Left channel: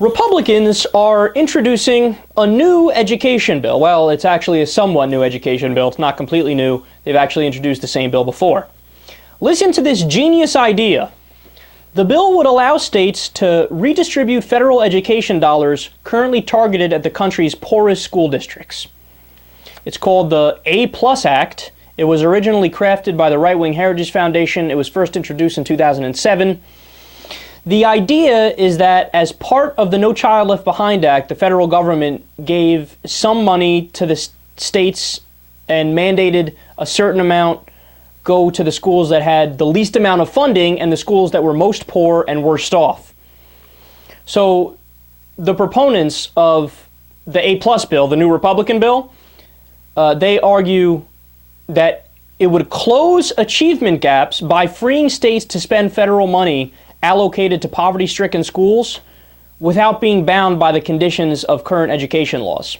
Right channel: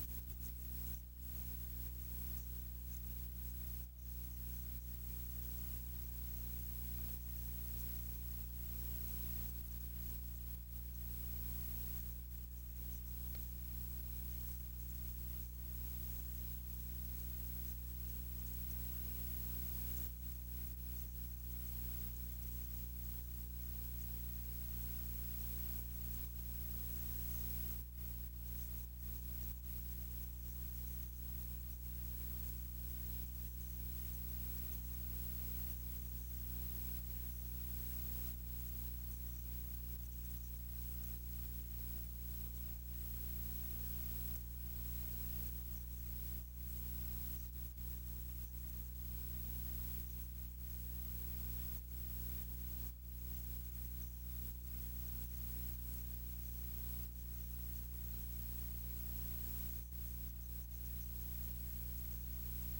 Republicans are introducing a new education bill. Well, it's actually a somewhat new education bill. It's not completely new. They've actually introduced the same bill before. Listen to this genius idea. The bill would allow states to redistribute federal education dollars currently targeted at the country's poorest school districts. It's called the A+ Act. It was originally crafted by the Right-Wing Heritage Foundation. It was first introduced in 2007. The idea is that as part of the No Child Left Behind Act, the federal government gave some money to the states and mandated a certain amount go to the schools that had the least amount of funding and the schools that were most poor and worst off. So the proponents of the A+ bill, the new Republican bill, they argue that it would close achievement gaps by freeing states to spend federal money allocated to poverty-stricken schools without being bound by the conditions of current education laws.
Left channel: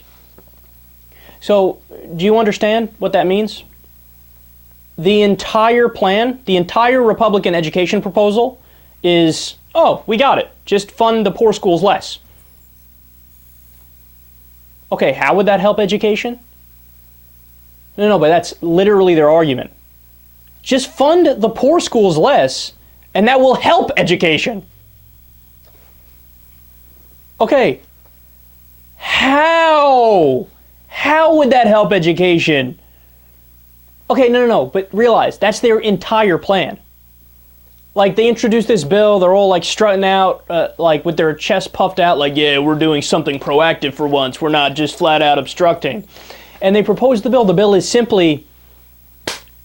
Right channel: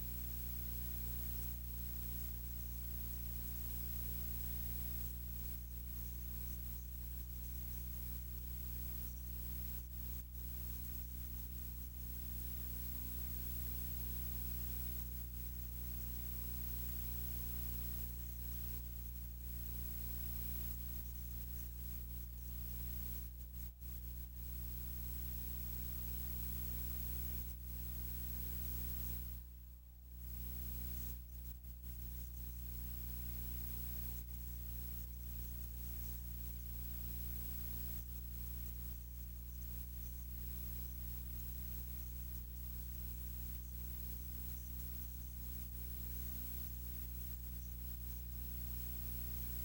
So, do you understand what that means? The entire plan, the entire Republican education proposal is, oh, we got it. Just fund the poor schools less. Okay, how would that help education? No, but that's literally their argument. Just fund the poor schools less, and that will help education. Okay, how? How would that help education? Okay, no, but realize, that's their entire plan. Like, they introduced this bill, they're all like strutting out, like with their chest puffed out, like, yeah, we're doing something proactive for once, we're not just flat out obstructing. And they proposed the bill. The bill is simply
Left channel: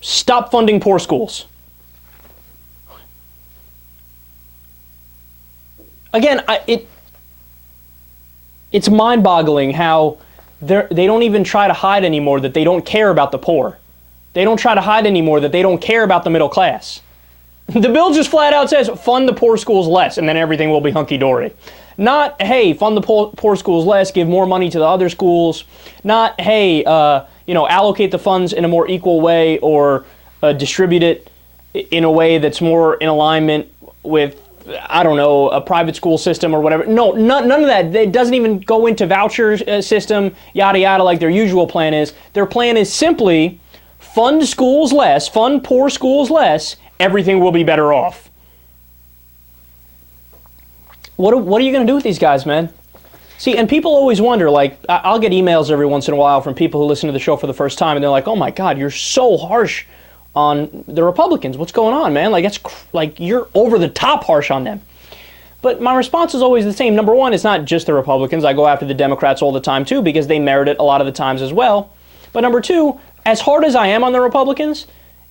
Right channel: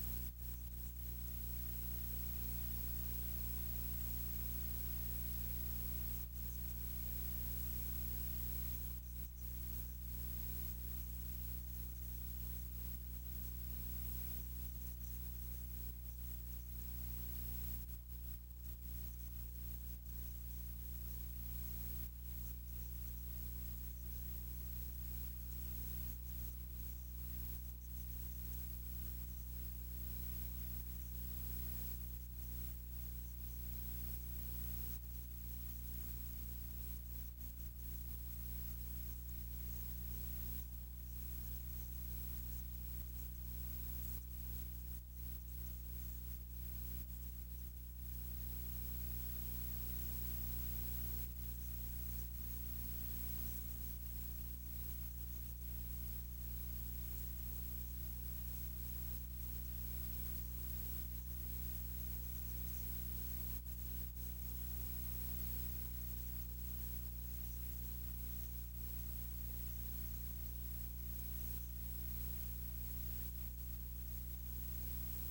stop funding poor schools. Again, it's mind-boggling how they don't even try to hide anymore that they don't care about the poor. They don't try to hide anymore that they don't care about the middle class. The bill just flat out says, fund the poor schools less, and then everything will be hunky-dory. Not, hey, fund the poor schools less, give more money to the other schools. Not, hey, allocate the funds in a more equal way or distribute it in a way that's more in alignment with, I don't know, a private school system or whatever. No, none of that. It doesn't even go into voucher system, yada, yada, like their usual plan is. Their plan is simply fund schools less, fund poor schools less, everything will be better off. What are you going to do with these guys, man? See, and people always wonder, like, I'll get emails every once in a while from people who listen to the show for the first time, and they're like, oh my God, you're so harsh on the Republicans. What's going on, man? Like, you're over the top harsh on them. But my response is always the same. Number one, it's not just the Republicans. I go after the Democrats all the time, too, because they merit it a lot of the times as well. But number two, as hard as I am on the Republicans,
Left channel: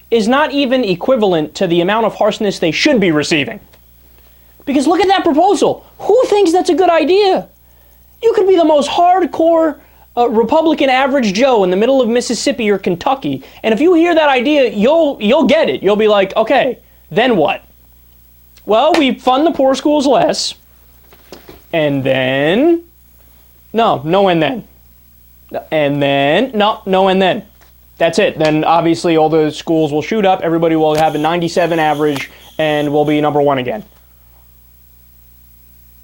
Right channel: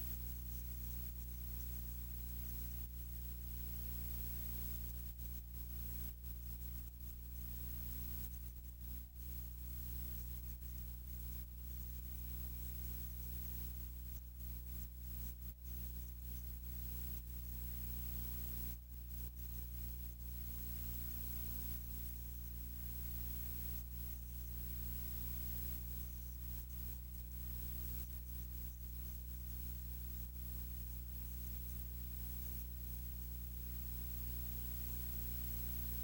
is not even equivalent to the amount of harshness they should be receiving. Because look at that proposal. Who thinks that's a good idea? You could be the most hardcore Republican average Joe in the middle of Mississippi or Kentucky, and if you hear that idea, you'll get it. You'll be like, okay, then what? Well, we fund the poor schools less, and then, no and then. And then, no and then. That's it. Then obviously all the schools will shoot up, everybody will have a 97 average, and we'll be number one again.